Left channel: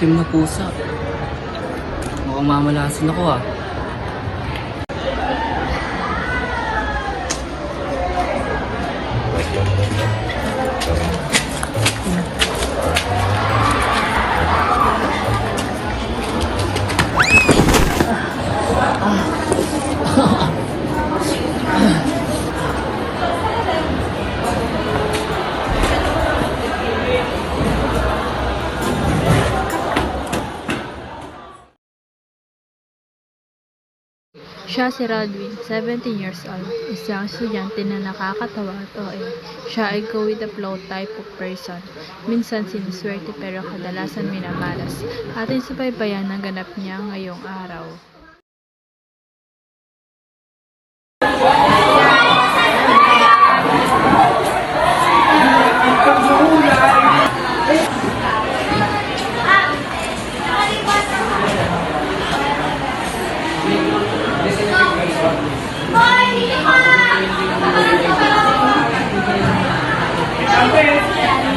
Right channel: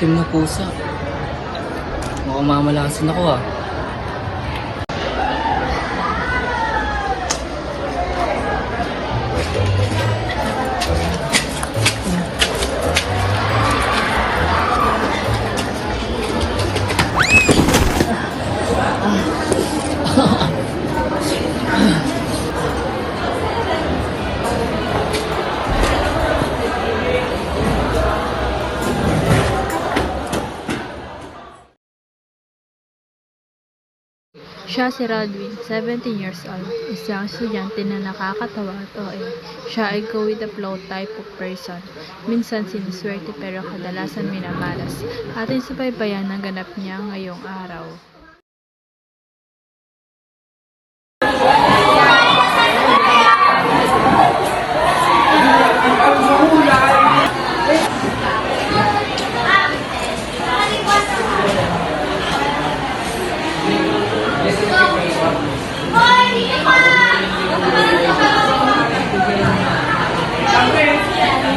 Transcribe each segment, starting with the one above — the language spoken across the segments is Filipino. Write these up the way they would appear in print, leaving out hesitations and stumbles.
itim na pusa. Mukhang mamalasin ako ah. Siya si Rodwin, 17 years old, isang estudyante na nakakatawa at OA. Siya ay go with the flow type of person. Minsan sinuswerte pero kadalasan minamalas. Atin subaybayan ang ganap niya ngayong araw.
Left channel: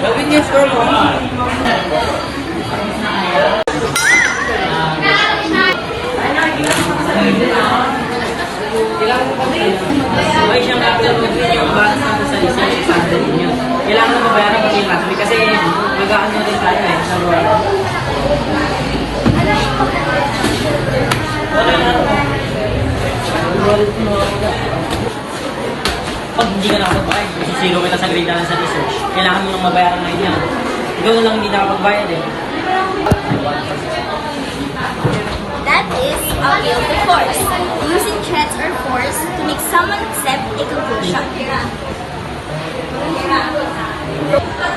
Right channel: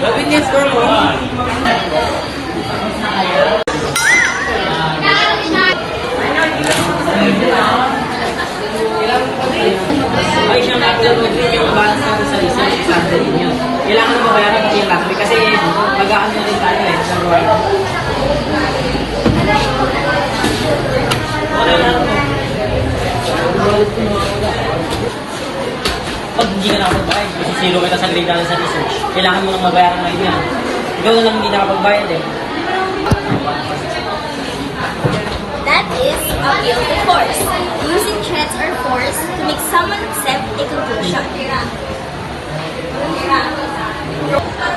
Bakit niya scroll mo? Ay, siya nga pala yung bata sa design pattern niya. Kailangan mo bayaran pati yung lakmi kasi mag-aano rin tayo eh. Okay lang. Pag hindi ka nakapagbayad, kasi zero kita sa grade namin sa research, kailangan mo lang mabayaran na yan. Ikaw lang hindi nakapagbayad eh. That is a guilty force. Using threats or force to make someone accept a conclusion.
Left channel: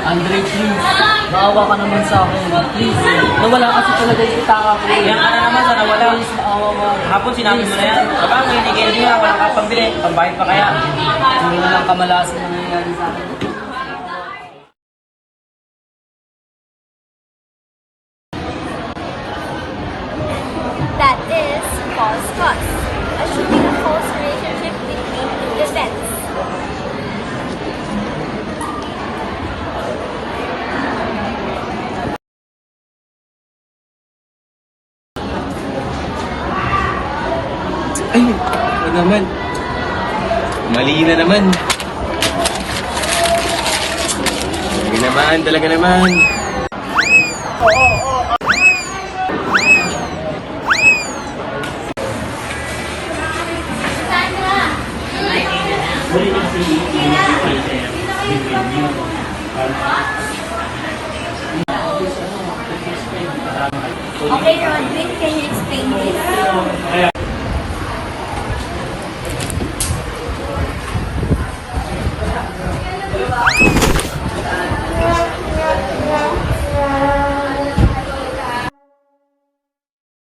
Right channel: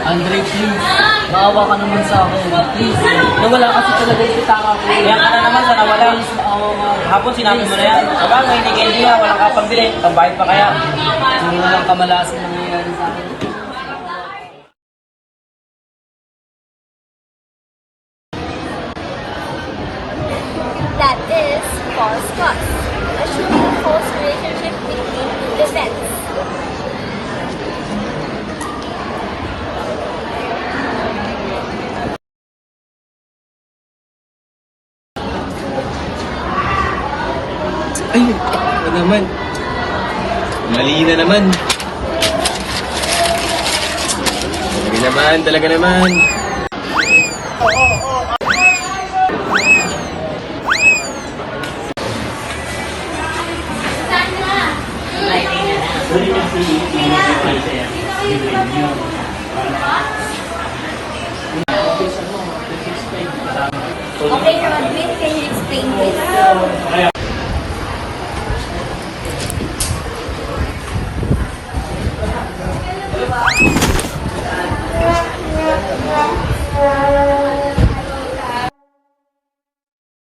Andre, please. Maawa ka naman sa akin. Please. Nawala kasi talaga yung pitaka ko. Kaya ka na naman na nawala. Maawa mo. Hapon sinabi mo na yan. Sabagay, hindi candy nga, walang kapambili. Pambayad pa kaya. Hindi walang kamalasan na nangyayari sa akin. That is false trust. Assuming a false relationship between two events. Ay, ito naman. Mali na naman. Talaga naman. Okay, Rodwin, can you explain this?